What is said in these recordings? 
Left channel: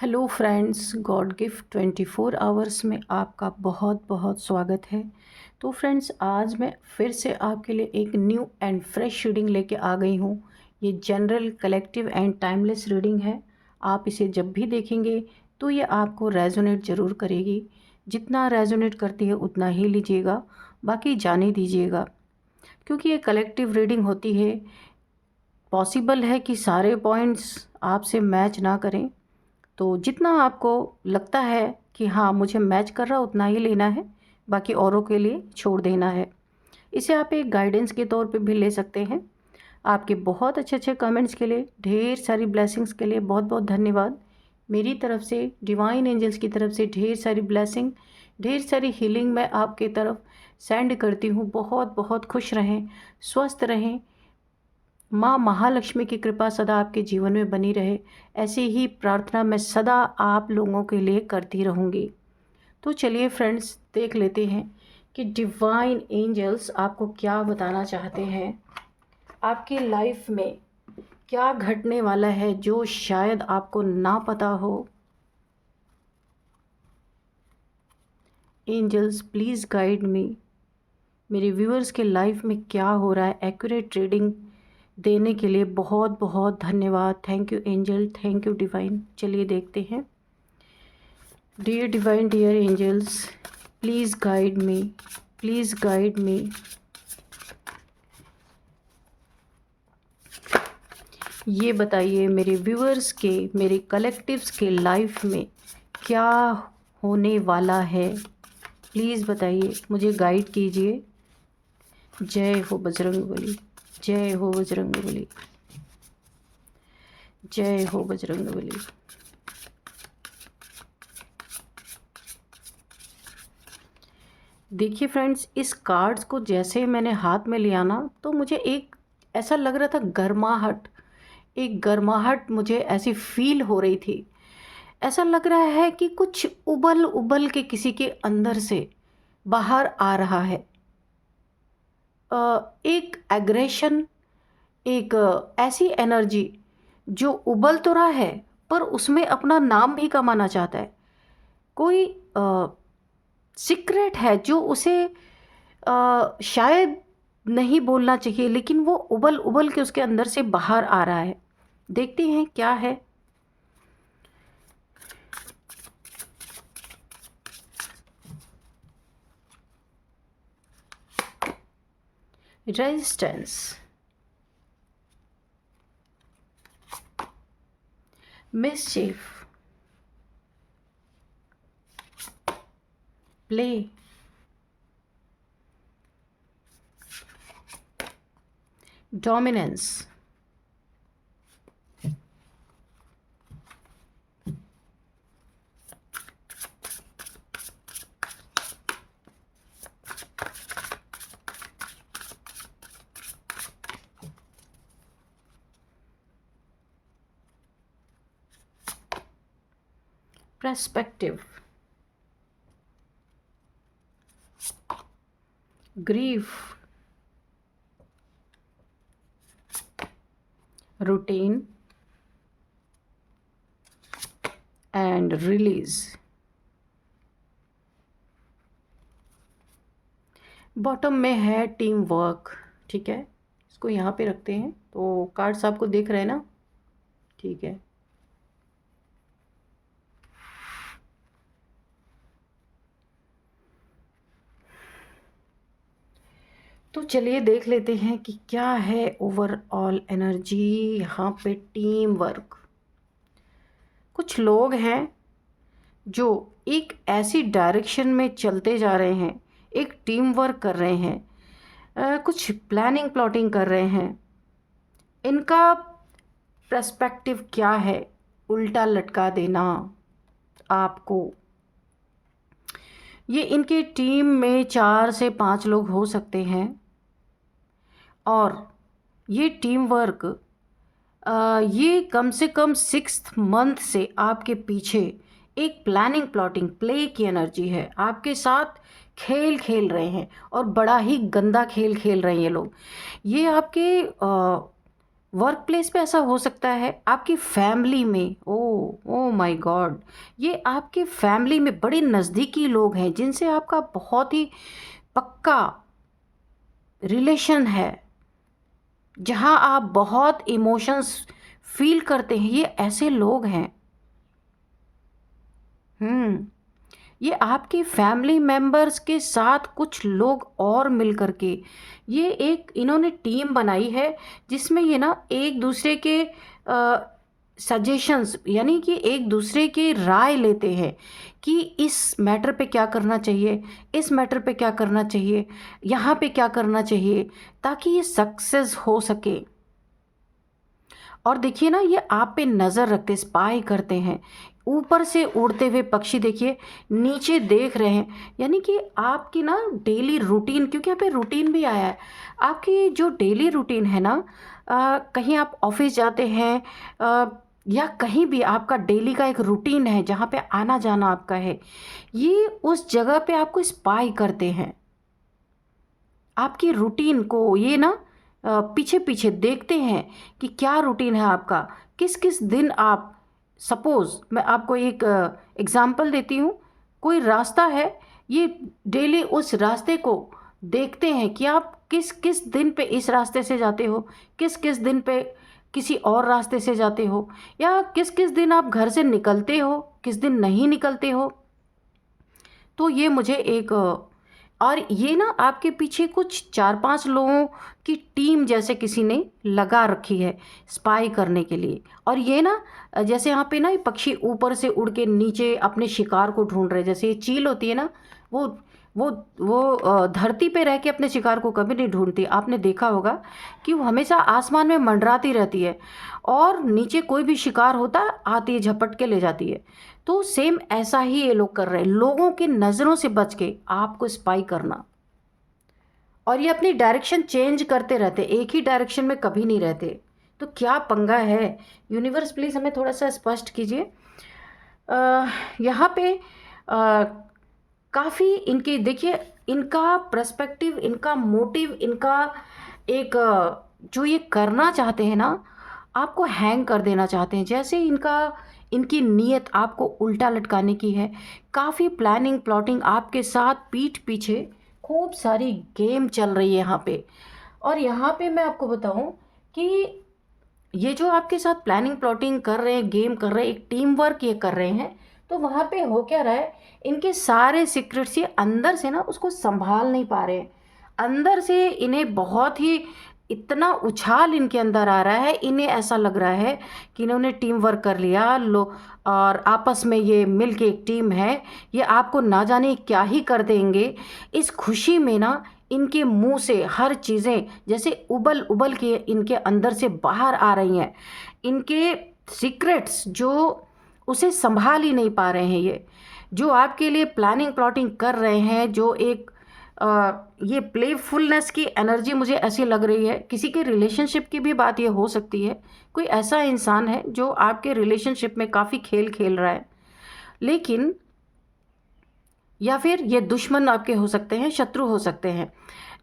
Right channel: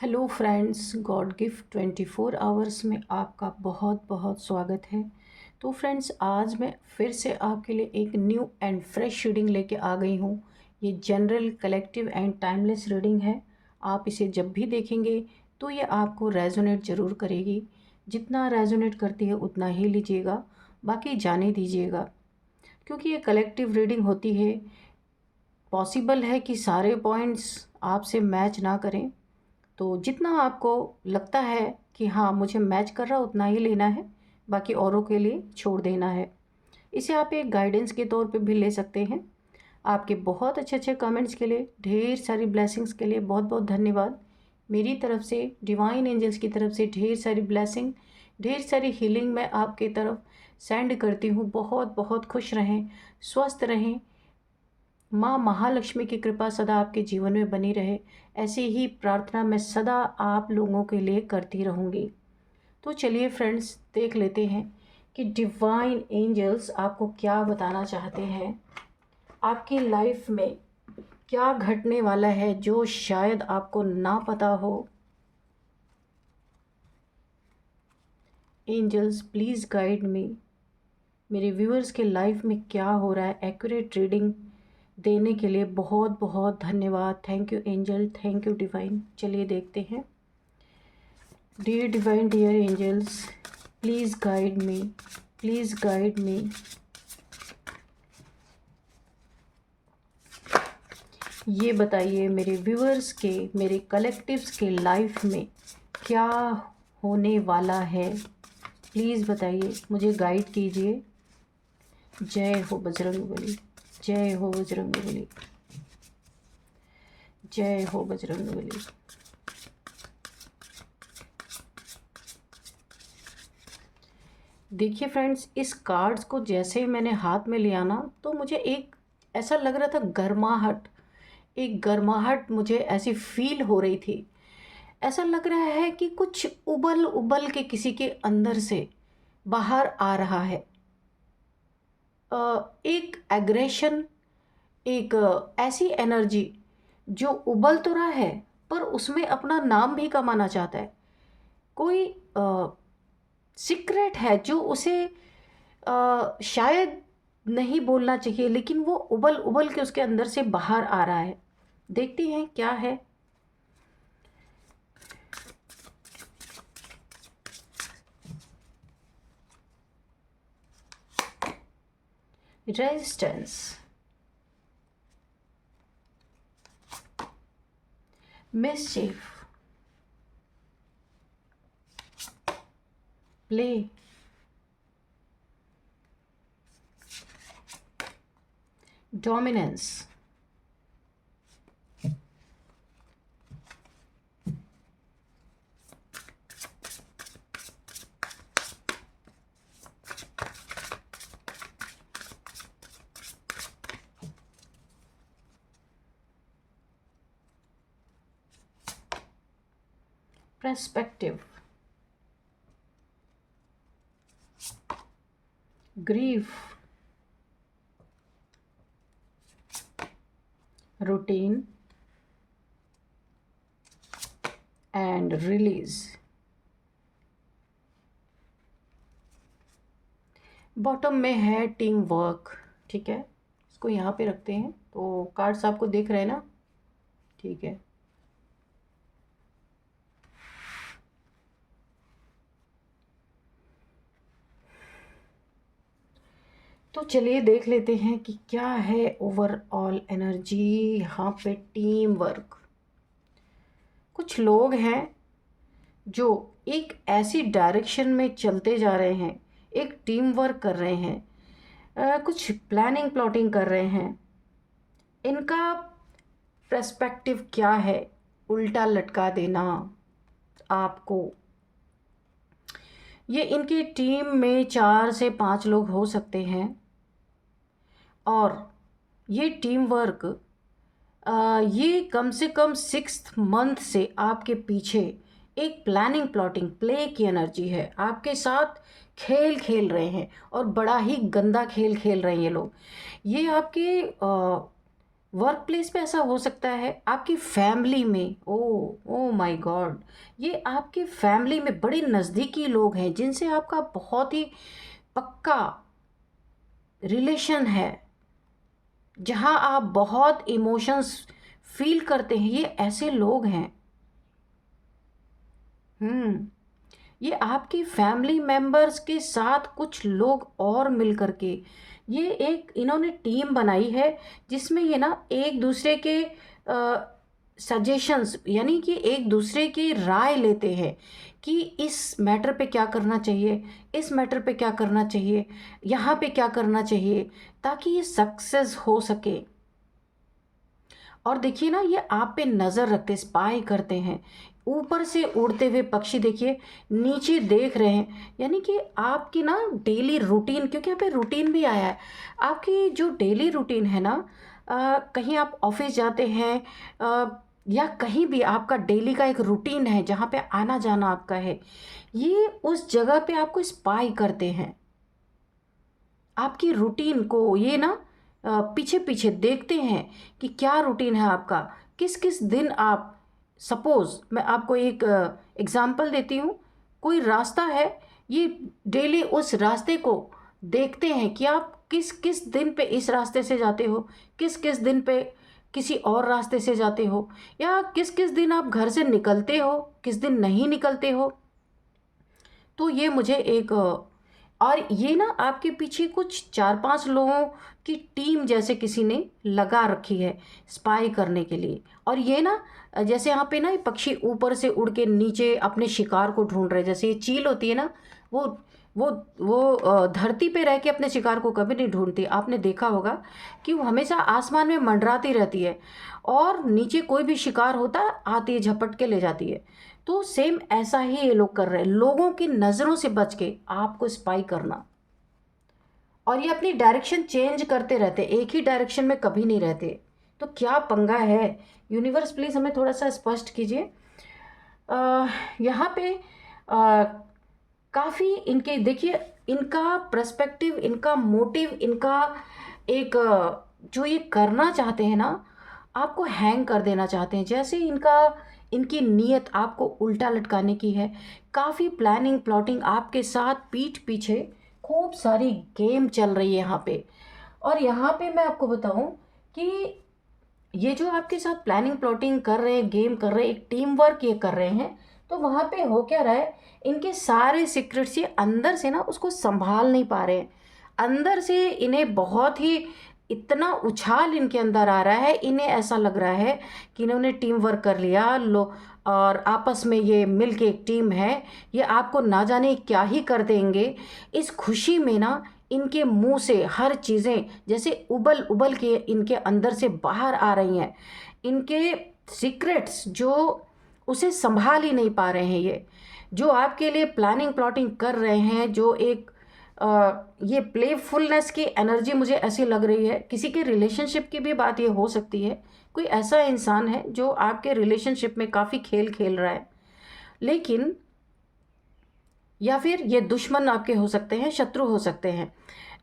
Hello friends, God gift 24 hours में आपका बहुत बहुत स्वागत है। तो फ्रेंड्स, आज मैं फिर से आपके लिए एक न्यू एंड फ्रेश रीडिंग लेके आ गई हूँ। ये general, collective and timeless reading है। आप इसे जब भी देखेंगे तो ये आपको रेजोनेट ज़रूर करेगी। जितना रेजोनेट करती है उतना ही लीजिएगा, बाकी जाने दीजिएगा। क्योंकि ये कलेक्टिव रीडिंग होती है, पॉसिबल है कि सारे पॉइंट्स आपसे मैच ना करें। तो जितना आपको लगता है कि हाँ मुझे मैच कर रहा उतना ही लेना है, बाकी औरों के लिए छोड़ देना है। इसे आप एक गाइडेंस के तौर पे भी ले सकते हैं। आपके बहुत अच्छे अच्छे कमेंट्स के लिए, ढेर सारी ब्लेसिंग्स के लिए बहुत बहुत धन्यवाद। मेरी तरफ से, डिवाइन एंजल्स की तरफ से ढेर सारी ब्लेसिंग, ढेर सारी हीलिंग मैं आपके तरफ सेंड करती हूँ। बहुत बहुत खुश रहें, स्वस्थ रहें। माँ महालक्ष्मी की कृपा सदा आपके जीवन में बनी रहे, ऐसी ही प्रार्थना मैं सदा आप लोगों के लिए करती रहूँगी। तो चलिए फ्रेंड्स, देख लेते हैं कि डिवाइन एंजल्स आपको क्या बताना चाहते हैं। आपकी लाइफ में क्या घटने वाला है जो शायद आपको ना पता हो। Angels please guide me. मेरे व्यूअर्स के लाइफ में क्या हो रहा है, एक्यूरेट रीडिंग देने के लिए बहुत बहुत धन्यवाद। Thank you angel, thank you divine. चलिए देखते हैं। Dear divine, dear angels, please guide me, please guide me. ये बताइए मेरे व्यूअर्स के, मेरे कलेक्टिव्स के लाइफ में क्या होने वाला है। प्लीज़ बताइए, मुझे गाइड कीजिए। जय हो बजरंगबली, जय हो बजरंगबली, जय हो बजरंगबली। देखिए फ्रेंड्स, इस कार्ड्स को जैसे मैंने हाथ में लिया ना, तो मुझे एक ऐसा लग रहा था, गर्माहट, एक गर्माहट मुझे ऐसी फील हो रही थी। ऐसा लग रहा है कि कुछ उबल उबल के किसी के अंदर से बाहर आ रहा है। एक एग्रेशन, एक ऐसी एनर्जी जो उबल तो रहा है पर उसमें अपना नाम भी कमाना चाहता है। कोई सीक्रेट है जो उसे शायद नहीं बोलना चाहिए, लेकिन वो उबल उबल के उसके अंदर से बाहर आ रहा है। देखते हैं क्या है। Resistance, मिसचिफ, play, dominance, perspective, grief, routine and release। Bottom में है टीम वर्क। ठीक है, इसको यहाँ पे रखते हैं। तो कार्ड्स आपको दिख रहे हैं ना? ठीक है। तो चलिए देख लेते हैं कि क्या है ओवरऑल एनर्जी यहाँ पे। टीम वर्क, कुछ लोग हैं जो एक ऐसी डायरेक्शन में चलते जा रहे हैं, एक टीम वर्क कर रहे हैं, कुछ प्लानिंग प्लॉटिंग कर रहे हैं। इनका पर्सपेक्टिव क्या है? उल्टा लटका देना आपको। ये इनकी टीम में 4 से 5 लोग हो सकते हैं, और ये टीम वर्क ये कम से कम 6 मंथ से आपके पीछे एक प्लानिंग प्लॉटिंग प्ले की एनर्जी है। आपके साथ खेल खेल रहे हैं, और बड़ा ही गंदा खेल खेल रहे हैं ये लोग। ये आपके वर्क प्लेस पे ऐसा हो सकता है, आपकी फैमिली में, ओ ओ माय गॉड, ये आपके फैमिली में बड़े नज़दीकी लोग हैं जिनसे आपका बहुत ही पक्का रिलेशन है, जहां आप बहुत इमोशंस फील करते हैं, ये ऐसे लोग हैं। हम्म ये आपकी फैमिली मेंबर्स के साथ कुछ लोग और मिल करके ये एक इन्होंने टीम बनाई है, जिसमें ये ना एक दूसरे के सजेशंस, यानी कि एक दूसरे की राय लेते हैं कि इस मैटर पे क्या करना चाहिए, इस मैटर पे क्या करना चाहिए, यहाँ पे क्या करना चाहिए, ताकि ये सक्सेस हो सके। और देखिए ना, ये आप पे नज़र रखते, स्पाई करते हैं। ऊपर से उड़ते हुए पक्षी देखिए, नीचे देख रहे हैं, यानी कि आपकी ना डेली रूटीन, क्योंकि यहाँ पे रूटीन भी आया है। आपकी जो डेली रूटीन है ना, कहीं आप ऑफिस जाते हैं, या कहीं भी आपका डेली का एक रूटीन है जहाँ पे आना जाना आपका है, ये उस जगह पे आपको स्पाई करते हैं। आपकी रूटीन को ये ना पीछे पीछे देखते हैं कि क्या रूटीन है आपका, किस किस दिन आप, सपोज़ मैं आपको एक एग्ज़ाम्पल देती हूँ, कोई रास्ता है, ये डेली उस रास्ते को देखते हैं कि आप किस किस दिन पे इस रास्ते से जाते हो, किस किस दिन पे किसी और रास्ते से जाते हो, या किस किस दिन आप घर से निकलते हो, किस दिन नहीं निकलते हो। तो ये मुझे एक और ये ना आपके पीछे कुछ 4-5 लोगों की टीम जैसे किसी ने लगा रखी है स्पाई करने के लिए। और ये ना जैसे यहाँ पे ना ये पक्षी ऊपर से उड़ के नीचे अपने शिकार को ढूंढ रहे हैं, जैसे ये चील होती है ना, वो वो वो धरती पे रह के अपने शिकार को कभी नहीं ढूंढती। आपने देखा होगा कि वो हमेशा आसमान में मंडराती रहती है, और नीचे कोई भी शिकार होता आती है, झपट के ले जाती है। तो सेम ऐसा ही ये लोग कर रहे हैं, लोगों की नज़रों से बच के आपको स्पाई करना। और ये अपनी डायरेक्शन चेंज करते रहते, एक ही डायरेक्शन में कभी नहीं रहते। तो क्या पंगा है, यूनिवर्स प्लीज़ हमें थोड़ा सा स्पष्ट कीजिए। यहाँ पे काफ़ी इनके देखिए, इनका पर्सपेक्टिव, इनका मोटिव, इनका एक जो ये करना चाहते हैं ना, आपको हैंग कर देना चाहते हैं, जैसे इनका इनकी नीयत आपको उल्टा लटकाने की है। काफ़ी प्लानिंग प्लॉटिंग आपके साथ पीठ पीछे खूब सारी गेम चल रही है यहाँ पे। और यहाँ पे मैं आपको बताऊँ कि ये जो आपके साथ प्लानिंग प्लॉटिंग कर रहे हैं, गेम कर रहे हैं, एक टीम वर्क ये कर रहे हैं, तो वहाँ पे हो क्या रहा है, इनके सारे सीक्रेट्स ये अंदर से ना उसको संभाल नहीं पा रहे हैं। अंदर से इन्हें बहुत ही इतना उछाल इनके अंदर आ रहा है, इन्हें ऐसा लग रहा है कि इन्होंने टीम वर्क कर लिया लो, और आपस में ये मिल के एक टीम है, ये आपको ना जाने क्या ही कर देंगे। इस खुशी में ना इनके मुंह से हर चीज़ें जैसे उबल उबल के इनके अंदर से बाहर आ रही हैं। इनके सीक्रेट्स जो उसे संभाल ही नहीं पा रहे हैं, ये जो आपके लिए प्लानिंग प्लॉटिंग कर रहे हैं, जो एक ये प्लेफुलनेस की एनर्जी मुझे ऐसी लग रही है। किसी के रिलेशनशिप की भी बात ये हो सकती है, कोई ऐसा इंसान है जो आपके रिलेशनशिप में काफ़ी खेल खेल रहा है, लेकिन या फिर ये दुश्मन आपके हो सकते हैं, शत्रु हो सकते हैं।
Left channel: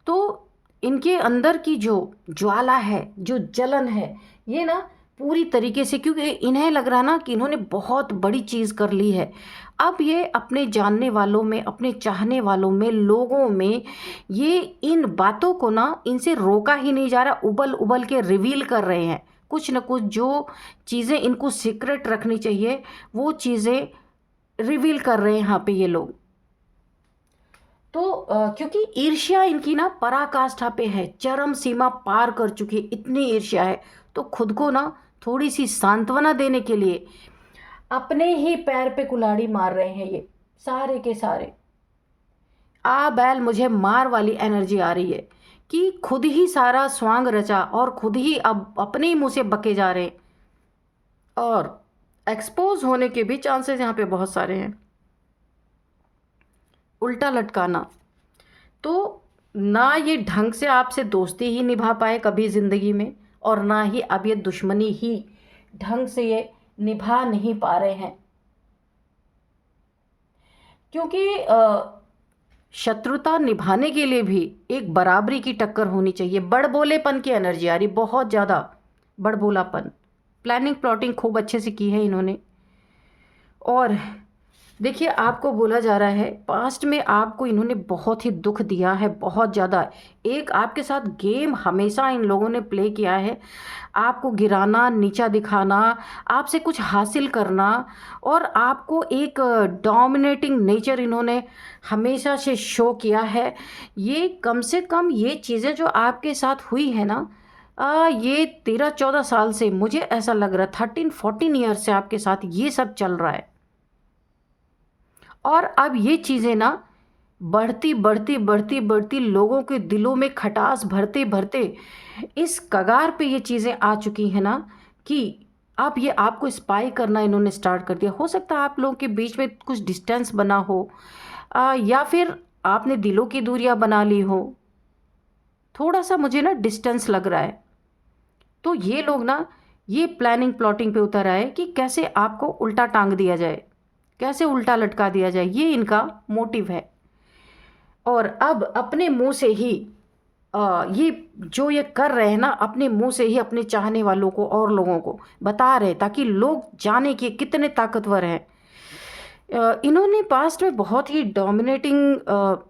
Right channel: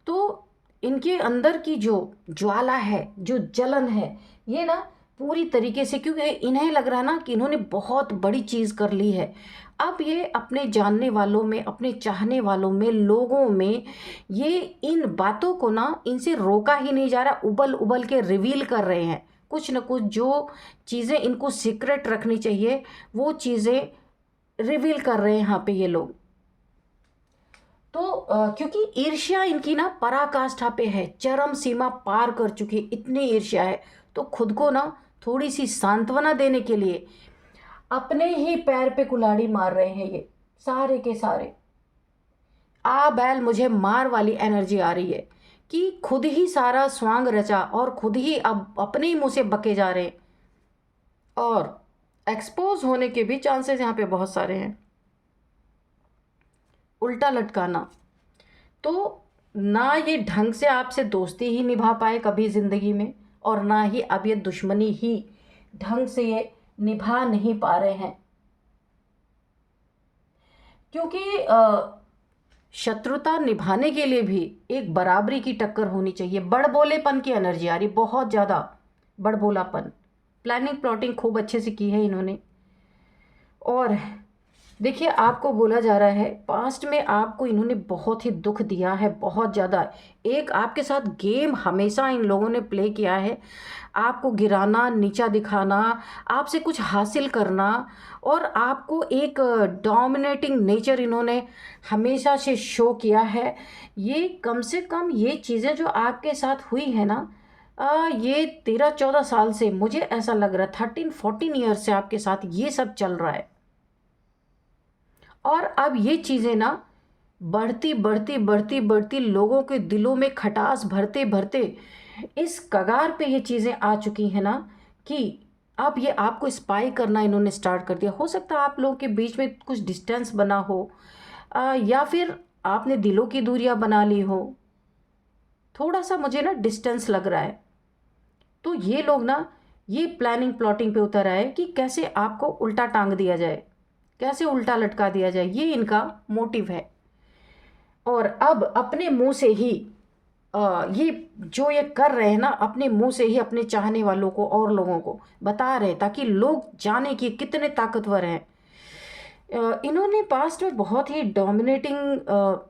तो इनके अंदर की जो ज्वाला है, जो जलन है, ये ना पूरी तरीके से, क्योंकि इन्हें लग रहा ना कि इन्होंने बहुत बड़ी चीज़ कर ली है। अब ये अपने जानने वालों में, अपने चाहने वालों में, लोगों में, ये इन बातों को ना इनसे रोका ही नहीं जा रहा, उबल उबल के रिवील कर रहे हैं। कुछ न कुछ जो चीज़ें इनको सीक्रेट रखनी चाहिए, वो चीज़ें रिवील कर रहे हैं यहाँ पे ये लोग। तो क्योंकि ईर्ष्या इनकी ना पराकाष्ठा पे है, चरम सीमा पार कर चुकी है, इतनी ईर्ष्या है। तो खुद को ना थोड़ी सी सांत्वना देने के लिए अपने ही पैर पे कुल्हाड़ी मार रहे हैं ये सारे के सारे। आ बैल मुझे मार वाली एनर्जी आ रही है कि खुद ही सारा स्वांग रचा और खुद ही अब अपने ही मुंह से बके जा रहे हैं, और एक्सपोज होने के भी चांसेस यहाँ पे बहुत सारे हैं। उल्टा लटकाना, तो ना ये ढंग से आपसे दोस्ती ही निभा पाए कभी ज़िंदगी में, और ना ही अब ये दुश्मनी ही ढंग से ये निभा नहीं पा रहे हैं, क्योंकि शत्रुता निभाने के लिए भी एक बराबरी की टक्कर होनी चाहिए। बड़बोलेपन की एनर्जी आ रही बहुत ज़्यादा, बड़बोलापन। प्लानिंग प्लॉटिंग खूब अच्छे से की है इन्होंने। और देखिए, आपको बोला जा रहा है पास्ट में आपको इन्होंने बहुत ही दुख दिया है, बहुत ज़्यादा। एक आपके साथ गेम हमेशा इन लोगों ने प्ले किया है, आपको गिराना, नीचा दिखाना, आपसे कुछ हासिल करना, और आपको एक डोमिनेटिंग नेचर इन्होंने हमेशा से शो किया है। ये कम से कम ये चीज़ें जो आपके साथ हुई है ना, ये 13-14 साल से, मुझे ऐसा लग रहा है 13-14 ईयर से आपके साथ ये सब चल रहा है। और अब ये चीज़ें ना बढ़ती बढ़ती बढ़ती बढ़ती लोगों के दिलों में खटास भरते भरते इस कगार पे ये चीज़ें आ चुकी हैं ना, कि अब ये आपको स्पाई करना इन्होंने स्टार्ट कर दिया। हो सकता है आप लोगों के बीच में कुछ डिस्टेंस बना हो, या फिर आपने दिलों की दूरियां बना ली हो। थोड़ा सा मुझे ना डिस्टेंस लग रहा है। तो ये लोग ना ये प्लानिंग प्लॉटिंग पे उतर आए कि कैसे आपको उल्टा टांग दिया जाए, कैसे उल्टा लटका दिया जाए, ये इनका मोटिव है। और अब अपने मुंह से ही ये जो ये कर रहे हैं ना, अपने मुंह से ही अपने चाहने वालों को और लोगों को बता रहे हैं, ताकि लोग जाने कि कितने ताकतवर हैं। इन्होंने पास्ट में बहुत ही डोमिनेटिंग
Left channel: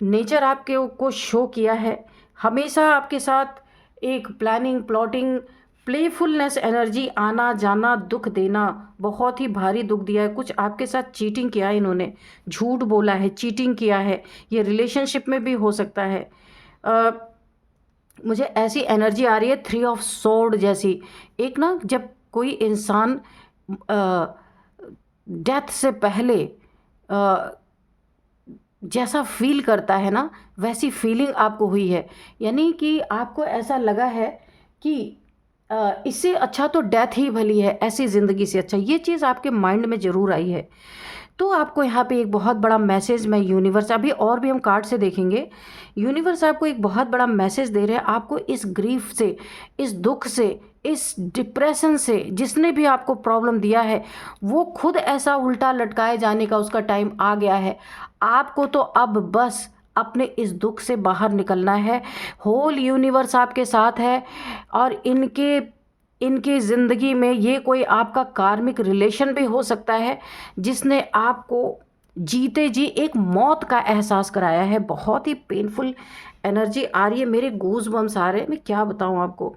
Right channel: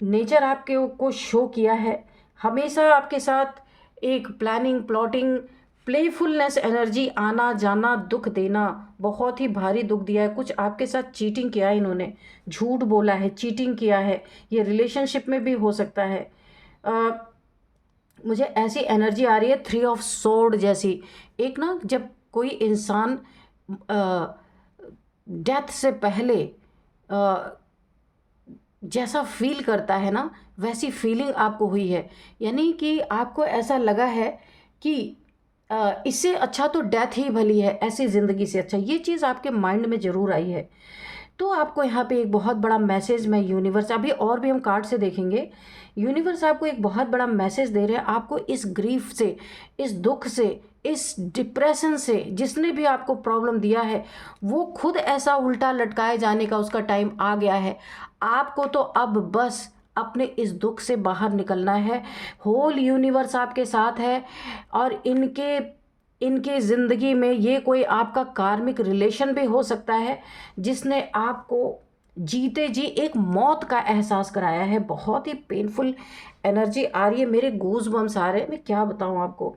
नेचर आपके को शो किया है। हमेशा आपके साथ एक प्लानिंग प्लॉटिंग प्लेफुलनेस एनर्जी, आना जाना, दुख देना, बहुत ही भारी दुख दिया है। कुछ आपके साथ चीटिंग किया है इन्होंने, झूठ बोला है, चीटिंग किया है। ये रिलेशनशिप में भी हो सकता है। अ, मुझे ऐसी एनर्जी आ रही है 3 ऑफ सोर्ड जैसी। एक ना, जब कोई इंसान डेथ से पहले अ, जैसा फील करता है ना, वैसी फीलिंग आपको हुई है। यानी कि आपको ऐसा लगा है कि इससे अच्छा तो डेथ ही भली है, ऐसी ज़िंदगी से अच्छा। ये चीज़ आपके माइंड में ज़रूर आई है। तो आपको यहाँ पे एक बहुत बड़ा मैसेज, मैं यूनिवर्स, अभी और भी हम कार्ड से देखेंगे, यूनिवर्स आपको एक बहुत बड़ा मैसेज दे रहे हैं। आपको इस ग्रीफ से, इस दुख से, इस डिप्रेशन से, जिसने भी आपको प्रॉब्लम दिया है, वो खुद ऐसा उल्टा लटकाए जाने का उसका टाइम आ गया है। आपको तो अब बस अपने इस दुख से बाहर निकलना है। होल यूनिवर्स आपके साथ है। और इनके इनकी ज़िंदगी में ये कोई आपका कार्मिक रिलेशन भी हो सकता है, जिसने आपको जीते जी एक मौत का एहसास कराया है। बहुत ही पेनफुल एनर्जी आ रही है, मेरे गूज बम्स आ रहे हैं। मैं क्या बताऊं आपको।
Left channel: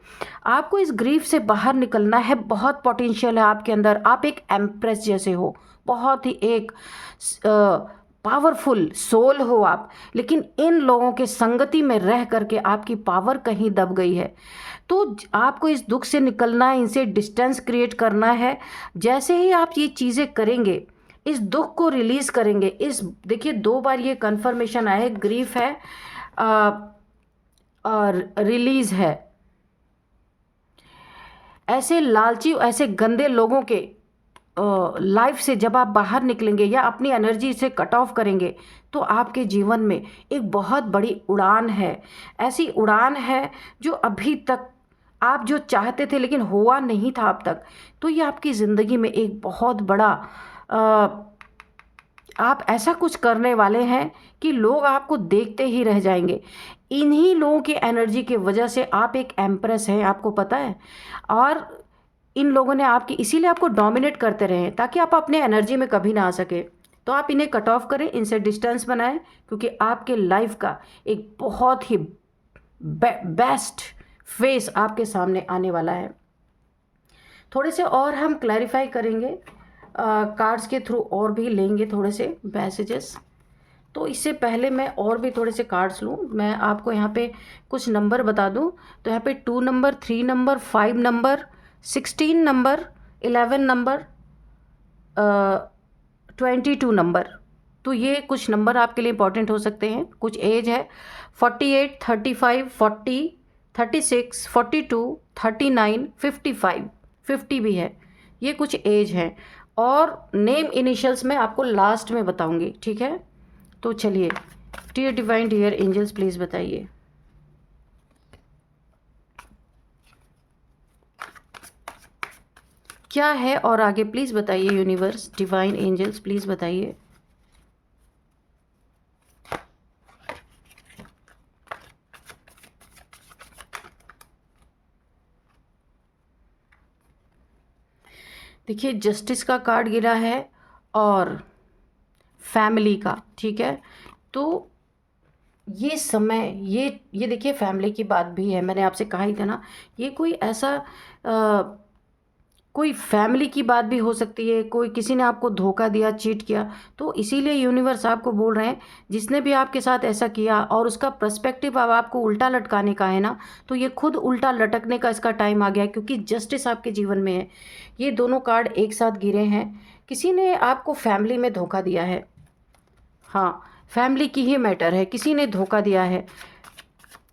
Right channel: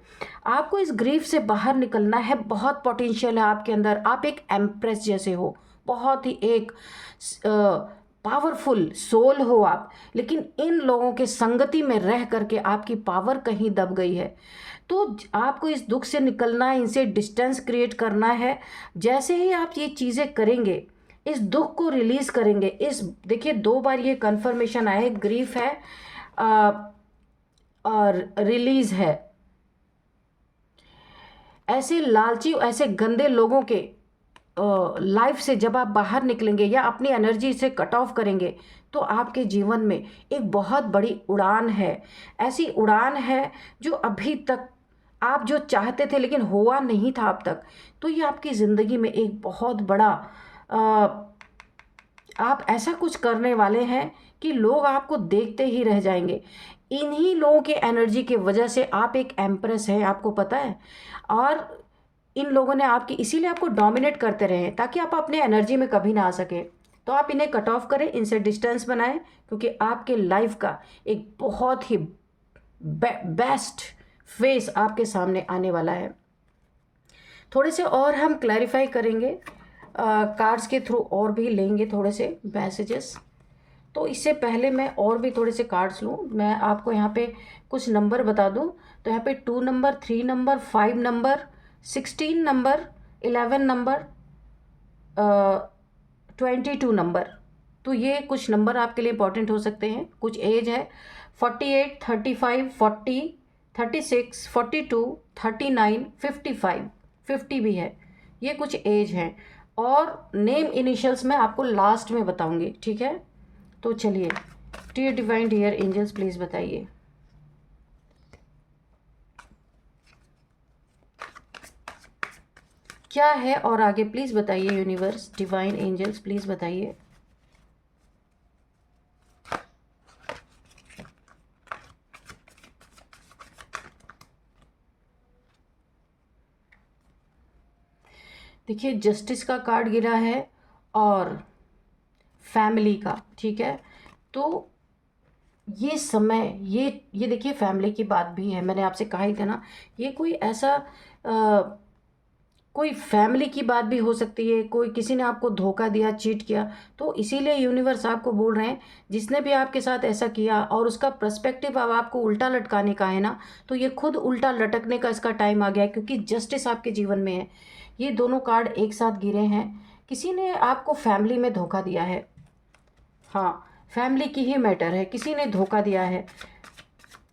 आपको इस ग्रीफ से बाहर निकलना है। बहुत पोटेंशियल है आपके अंदर। आप एक एम्प्रेस जैसे हो, बहुत ही एक पावरफुल सोल हो आप। लेकिन इन लोगों के संगति में रह करके आपकी पावर कहीं दब गई है। तो आपको इस दुख से निकलना है, इनसे डिस्टेंस क्रिएट करना है। जैसे ही आप ये चीज़ें करेंगे, इस दुख को रिलीज करेंगे। इस देखिए, 2 बार ये कन्फर्मेशन आया है, ग्रीफ है आ, और रिलीज है। ऐसे लालची, ऐसे गंदे लोगों के लाइफ से जब आप बाहर निकलेंगे या अपनी एनर्जी से कट ऑफ करेंगे, तो आपके जीवन में एक बहुत बड़ी उड़ान है। ऐसी उड़ान है जो अभी तक आप जो चाहते थे लेकिन हुआ नहीं था अब तक। तो ये आपकी ज़िंदगी में एक बहुत बड़ा आप ऐसा कुछ करने वाले हैं कि लोग आपको देखते ही रह जाएंगे। इन्हीं लोगों की एनर्जी की वजह से आप एक एम्प्रेस हैं, आपको पता है। और इन लोगों ने आपकी, इसीलिए आपको डोमिनेट करते रहे ताकि आप अपने एनर्जी में कभी ना आ सके। तो आप इन्हें कट ऑफ करें, इनसे डिस्टेंस बनाएं, क्योंकि आपके लाइफ का एक बहुत ही बेस्ट फेस आपके सामने आने वाला है। थोड़े से और हम क्लैरिफाई करेंगे, कार्ड्स के थ्रू और भी लेंगे थोड़े से मैसेजेस। तो इससे पहले मैं और भी थोड़े से कार्ड्स लूँ, मैं आपको यहाँ पे कुछ नंबर बता दूँ। तो यहाँ पे 2 number, 3 number, 5 number, 16 number, 11 number, 22 number. तो ये कुछ नंबर आपके लिए इंपॉर्टेंट हो सकते हैं। कुछ एज है 48, 35, 40, 36, 42, 39, 55, 50 भी है। ये कुछ एज है। और नेम इनिशियल्स मैं आपको लास्ट में बताऊंगी, ठीक है। तो चलिए, dear divine, dear angels, please बताइए क्या है। और आगे प्लीज़ बताइए यूनिवर्स, डिवाइन एंजल्स, प्लीज़ बताइए। देखिए जस्टिस का कार्ड गिरा है और फैमिली का, ठीक है। तो ये समय, ये देखिए फैमिली की बात भी है, मैंने आपसे कहा ही था ना, ये कोई ऐसा कोई फैमिली की बात भी हो सकती है, कोई किसी ने आपको धोखा दिया, चीट किया। तो इसीलिए यूनिवर्स आपको बोल रहे हैं, जिसने भी आपके साथ ऐसा किया और उसका पर्सपेक्टिव अब आपको उल्टा लटकाने का है ना, तो ये खुद उल्टा लटकने का इसका टाइम आ गया है, क्योंकि जस्टिस आपके जीवन में है। ये दोनों कार्ड एक साथ गिरे हैं। किसी ने आपको फैमिली में धोखा दिया है। हाँ, फैमिली की ही मैटर है, किसी ने धोखा दिया है।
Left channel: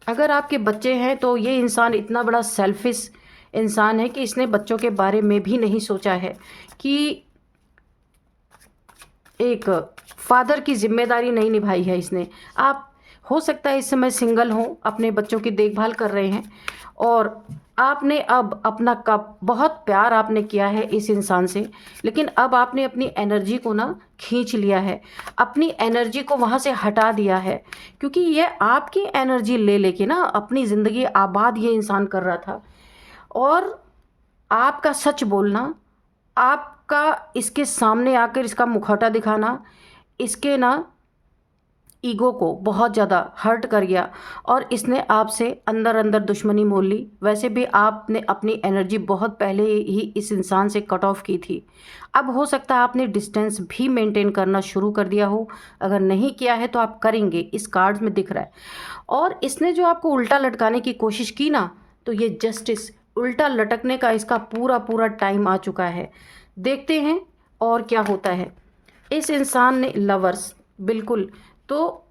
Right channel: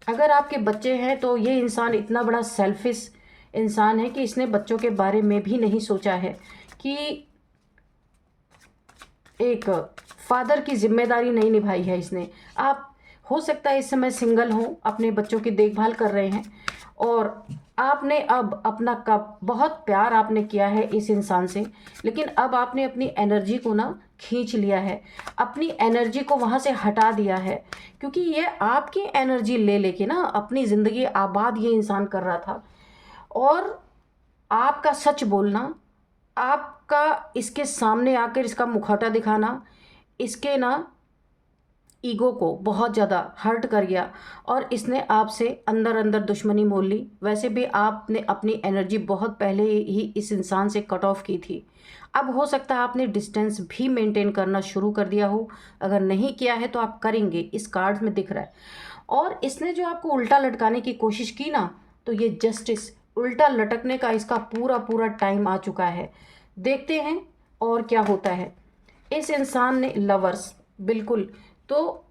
अगर आपके बच्चे हैं तो ये इंसान इतना बड़ा सेल्फिश इंसान है कि इसने बच्चों के बारे में भी नहीं सोचा है कि एक फादर की जिम्मेदारी नहीं निभाई है इसने। आप हो सकता है इस समय सिंगल हो, अपने बच्चों की देखभाल कर रहे हैं और आपने अब अपना कब बहुत प्यार आपने किया है इस इंसान से, लेकिन अब आपने अपनी एनर्जी को ना खींच लिया है, अपनी एनर्जी को वहाँ से हटा दिया है, क्योंकि ये आपकी एनर्जी ले लेके ना अपनी ज़िंदगी आबाद ये इंसान कर रहा था। और आपका सच बोलना, आपका इसके सामने आकर इसका मुखौटा दिखाना, इसके ना ईगो को बहुत ज़्यादा हर्ट कर गया और इसने आपसे अंदर अंदर दुश्मनी मोल ली। वैसे भी आपने अपनी एनर्जी बहुत पहले ही इस इंसान से कट ऑफ की थी। अब हो सकता है आपने डिस्टेंस भी मेंटेन करना शुरू कर दिया हो, अगर नहीं किया है तो आप करेंगे, इस कार्ड्स में दिख रहा है। और इसने जो आपको उल्टा लटकाने की कोशिश की ना, तो ये जस्टिस उल्टा लटकने का इसका पूरा पूरा टाइम आ चुका है। देखते हैं और क्या होता है। इस इंसान ने लवर्स, बिल्कुल, तो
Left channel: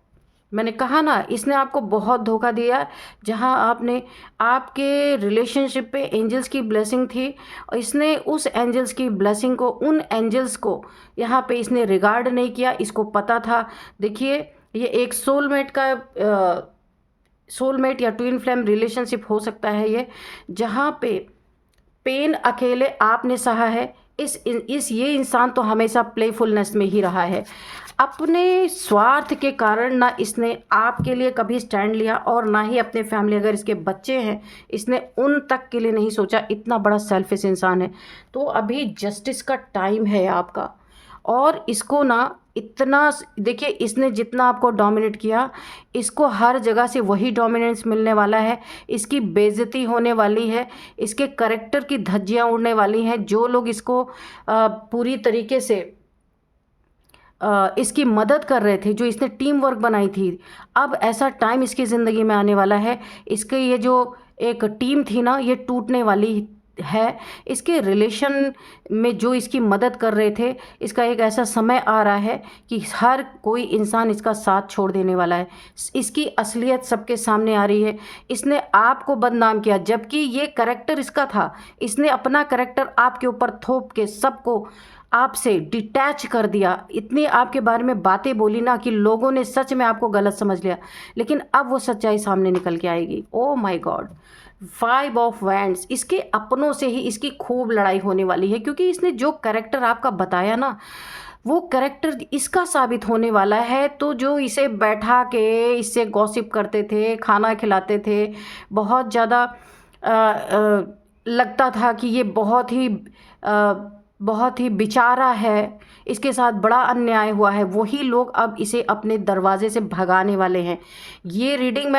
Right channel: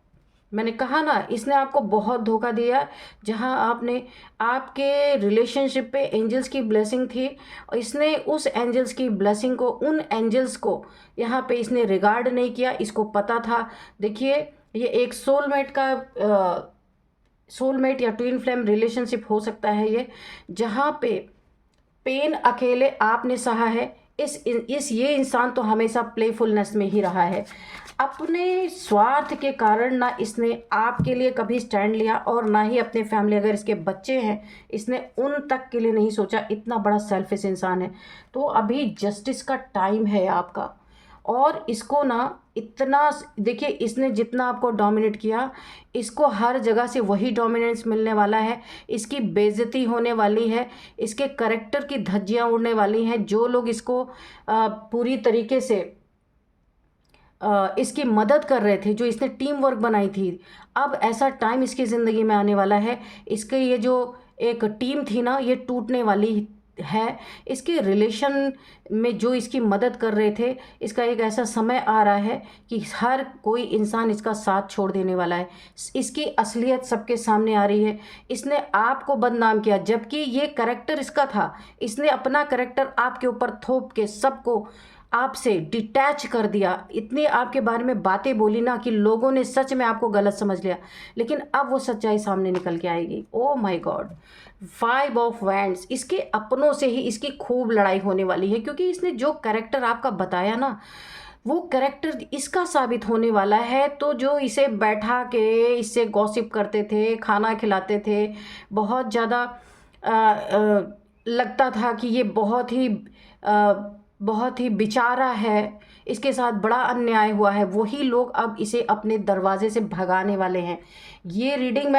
मैंने कहा ना इसने आपको बहुत धोखा दिया। जहां आपने आपके रिलेशनशिप पे एंजल्स की ब्लेसिंग थी और इसने उस एंजल्स की ब्लेसिंग को, उन एंजल्स को यहाँ पे इसने रिगार्ड नहीं किया, इसको पता था। देखिए ये एक सोलमेट या ट्विन फ्लेम रिलेशनशिप हो सकता है ये, जहाँ पे पेन अकेले आपने सहा है। इस ये इंसान तो हमेशा प्लेफुलनेस में ही रहा है। अपने स्वार्थ के कारण ना इसने आपके लिए कभी स्टैंड लिया और ना ही अपने फैमिली, अगर इसके बच्चे हैं इसने उन तक के लिए नहीं सोचा। इतना बड़ा सेल्फिश इंसान है। तो अभी जस्टिस का टाइम है आपका। और इसको ना इतना, देखिए इसने जितना आपको डोमिनेट किया, इसको हर जगह से वही डोमिनेंस मिलने वाला है। इसकी बेइज्जती होने वाली है, इसके करेक्टर की धज्जियां उड़ने वाली हैं। जो लोग इसको पूरी तरीके से इसकी मदद कर रहे थे, जो इसने टीम वर्क बनाई थी, अब ऐसा टाइम इसकी ज़िंदगी में आने वाला है, इसके ये जो एक टीम थी ना, ये टूटने वाली है। इसके रिलेशन में जो इसकी मदद कर रहे थे, इसका एक ऐसा समय आ रहा है कि हर कोई इंसान इसका साथ छोड़ देने वाला है। इसकी असलियत सबके सामने आ रही है। इसने आपको बदनाम किया, जबकि ये करेक्टर इसका था। इसने अपना करेक्टर आपके ऊपर थोप के सबको आपसे डिटैच कर दिया। इतनी आपके बारे में बातें बोली ना कि लोगों ने सच में आपको गलत समझ लिया, लेकिन अब वो सच्चाई सामने निकल के आएगी। Oh my God, 5 of wands, इसके अपनों से ही इसकी खूब लड़ाई होने वाली है, क्योंकि इसने जो कैरेक्टर आपका बताया ना, वो कैरेक्टर इसका साबित होने वाला है। तो जो इसे बैठा के इससे गॉसिप करते थे, खाना खिलाते थे, बहुत ज़्यादा लगता था कि ये अ, बहुत ही बेचारा है, इसके साथ बड़ा अन्याय हुआ है, वही लोग अब इसे अपने दरवाजे से भगाने वाले हैं। ये रीडिंग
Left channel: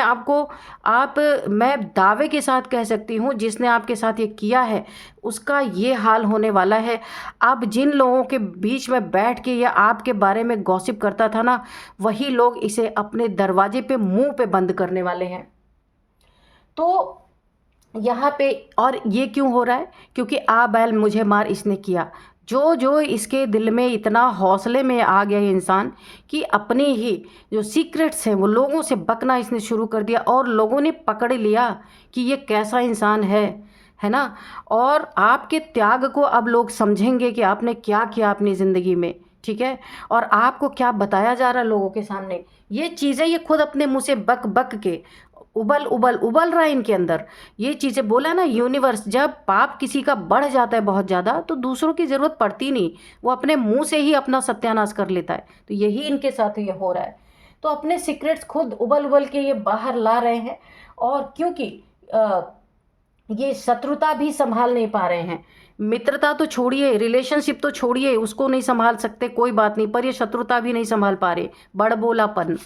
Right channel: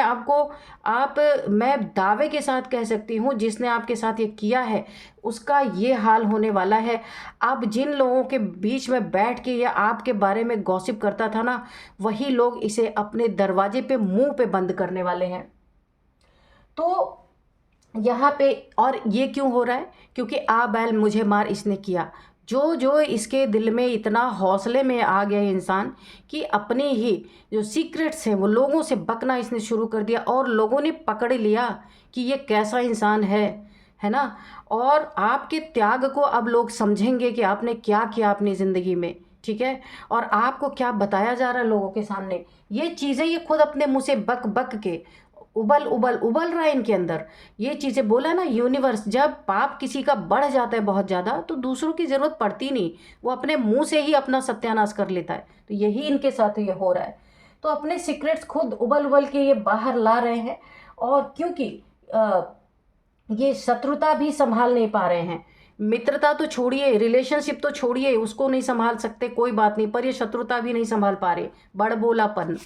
मैं दावे के साथ कह सकती हूँ, जिसने आपके साथ ये किया है उसका ये हाल होने वाला है। अब जिन लोगों के बीच में बैठ के ये आपके बारे में गॉसिप करता था ना, वही लोग इसे अपने दरवाजे पे मुंह पे बंद करने वाले हैं। तो यहाँ पे, और ये क्यों हो रहा है, क्योंकि आ बैल मुझे मार इसने किया। जो जो इसके दिल में इतना हौसले में आ गया ये इंसान कि अपने ही जो सीक्रेट्स हैं वो लोगों से बकना इसने शुरू कर दिया, और लोगों ने पकड़ लिया कि ये कैसा इंसान है ना। और आपके त्याग को अब लोग समझेंगे कि आपने क्या किया अपनी ज़िंदगी में, ठीक है। और आपको क्या बताया जा रहा है लोगों के सामने, ये चीज़ें ये खुद अपने मुंह से बक बक के उबल उबल उबल रहा है इनके अंदर। ये चीज़ें बोला ना यूनिवर्स, जब पाप किसी का बढ़ जाता है बहुत ज़्यादा, तो दूसरों की ज़रूरत पड़ती नहीं, वो अपने मुंह से ही अपना सत्यानाश कर लेता है। तो यही इनके साथ ये हो रहा है। तो अपने सीक्रेट्स खुद उबल उबल के ये बाहर ला रहे हैं। और क्योंकि ये शत्रुता भी संभाल नहीं पा रहे हैं, मित्रता तो छोड़िए, रिलेशनशिप तो छोड़िए, उसको नहीं संभाल सकते कोई बात नहीं, पर ये शत्रुता भी नहीं संभाल पा रहे, बड़बोलापन।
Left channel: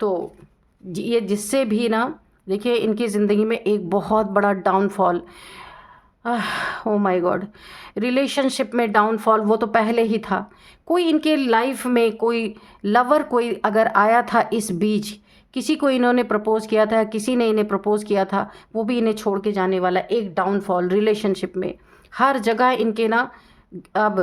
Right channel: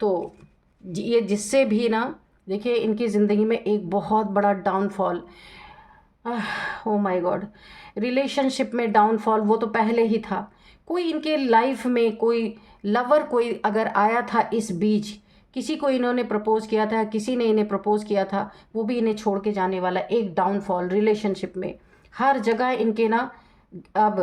तो ये जिससे भी ना, देखिए इनकी ज़िंदगी में एक बहुत बड़ा downfall, oh my God, relationship में डाउनफॉल वो तो पहले ही था। कोई इनके लाइफ में कोई लवर कोई अगर आया था इस बीच, किसी को इन्होंने प्रपोज किया था, किसी ने इन्हें प्रपोज किया था, वो भी इन्हें छोड़ के जाने वाला। एक डाउनफॉल रिलेशनशिप में, हर जगह इनके ना अब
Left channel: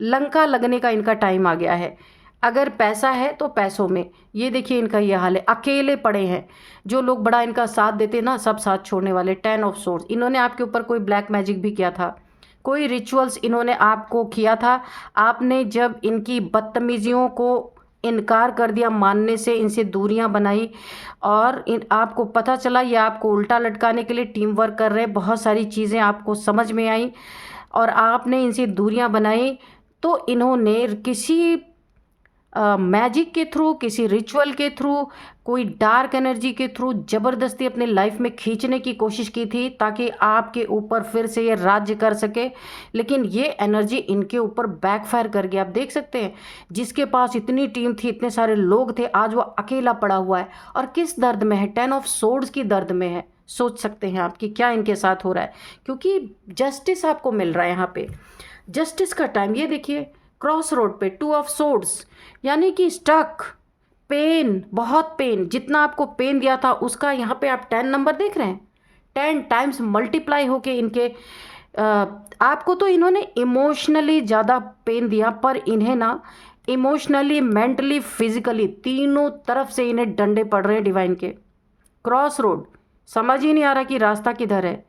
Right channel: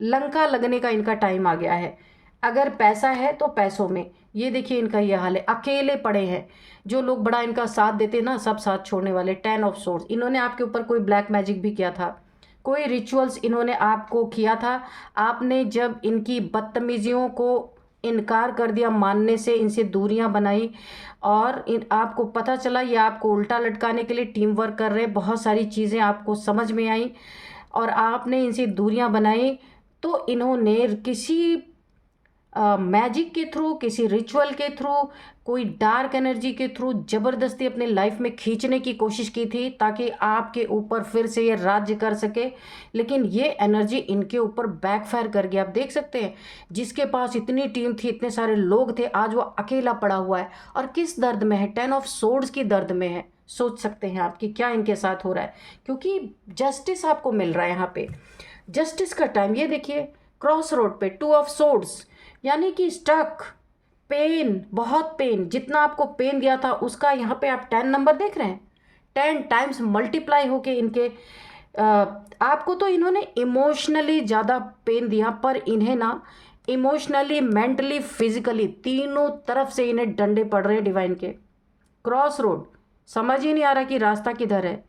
लंका लगने का इनका टाइम आ गया है। अगर पैसा है तो पैसों में, ये देखिए इनका ये हाल है, अकेले पड़े हैं। जो लोग बड़ा इनका साथ देते ना, सब साथ छोड़ने वाले। 10 ऑफ सोर्ड्स, इन्होंने आपके ऊपर कोई ब्लैक मैजिक भी किया था, कोई रिचुअल्स इन्होंने आपको किया था। आपने जब इनकी बदतमीजियों को इनकार कर दिया मानने से, इनसे दूरियां बनाई, और आपको पता चला ये आपको उल्टा लटकाने के लिए टीम वर्क कर रहे हैं, बहुत सारी चीज़ें आपको समझ में आई और आपने इनसे दूरियां बनाई, तो इन्होंने किसी मैजिक के थ्रू, किसी रिचुअल के थ्रू, कोई डार्क एनर्जी के थ्रू ज़बरदस्ती अपने लाइफ में खींचने की कोशिश की थी, ताकि आपके ऊपर फिर से ये राज्य कर सके। लेकिन ये एनर्जी इनके ऊपर बैकफायर कर गया। आप देख सकते हैं, जिसके पास इतनी टीम थी, इतने सारे लोग थे, आज वो अकेला पड़ा हुआ है। और किस दर्द में है? 10 ऑफ सोर्ड्स की दर्द में है। सोच सकते हैं आप कि क्या इनके साथ हो रहा है, क्योंकि जस्टिस आपको मिल रहा है यहाँ पे, जस्टिस का टाइम। ये देखिए क्रॉस रोड पे 2 ऑफ सोर्ड्स, यानी कि स्टक, पेन, बहुत पेन, जितना आपको पेन दिया था उसका यहाँ पे आप 10 नंबर देख रहे हैं, 10 टाइम्स मल्टीप्लाई होके इनके आपको तो इन्होंने इमोशनली ज़्यादा पेन दिया, पर इन्हें ना इमोशनली, मेंटली, फिजिकली, तीनों तरफ से इन्हें डंडे पड़ रहे हैं डिवाइन के। क्रॉस रोड, समझ ही नहीं आ रहा कि रास्ता किधर है।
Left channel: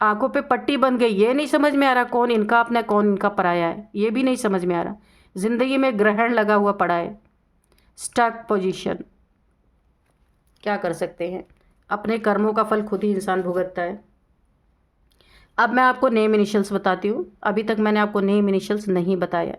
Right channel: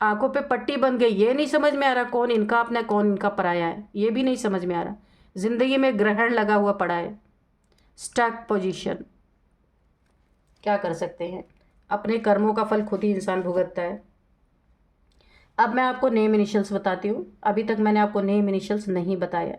आंखों पे पट्टी बन गई, ये नहीं समझ में आ रहा कौन इनका अपना कौन इनका पराया है, ये भी नहीं समझ में आ रहा। जिंदगी में ग्रहण लगा हुआ पड़ा है, स्टक पोजीशन। क्या कर सकते हैं, अपने कर्मों का फल खुद ही इंसान भुगतता है। अब मैं आपको नेम इनिशियल्स बताती हूँ, अभी तक मैंने आपको नेम इनिशियल्स नहीं बताया।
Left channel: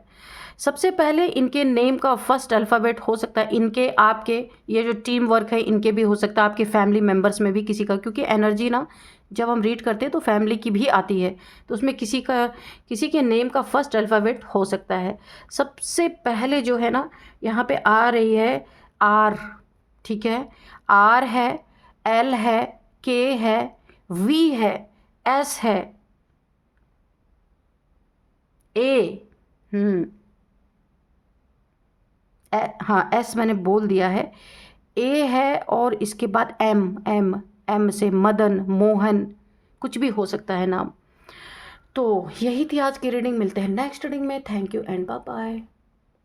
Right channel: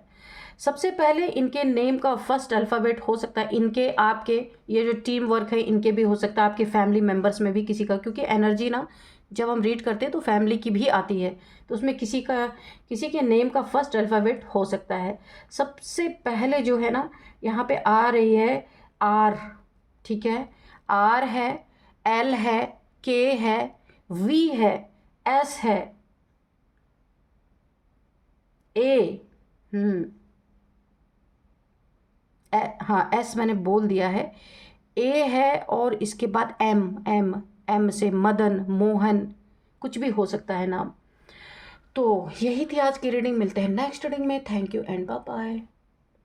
सबसे पहले इनके नेम का फर्स्ट अल्फ़ाबेट हो सकता है इनके, आपके, ये जो टीम वर्क है इनके भी हो सकता है, आपके फैमिली मेम्बर्स में भी किसी का, क्योंकि एनर्जी ना जब हम रीड करते हैं तो फैमिली की भी आती है, तो उसमें किसी का, किसी के नेम का फर्स्ट अल्फ़ाबेट हो सकता है। सबसे पहले जो है ना यहाँ पे आ रही है आर, ठीक है, आर है, एल है, के है, वी है, एस है, ए, हाँ एस मैंने बोल दिया है, ए है, और इसके बाद एम, एम, एम से मदन, मोहन, कुछ भी हो सकता है नाम। तो यही थी आज की रीडिंग, मिलते हैं नेक्स्ट रीडिंग में। Thank you and bye bye.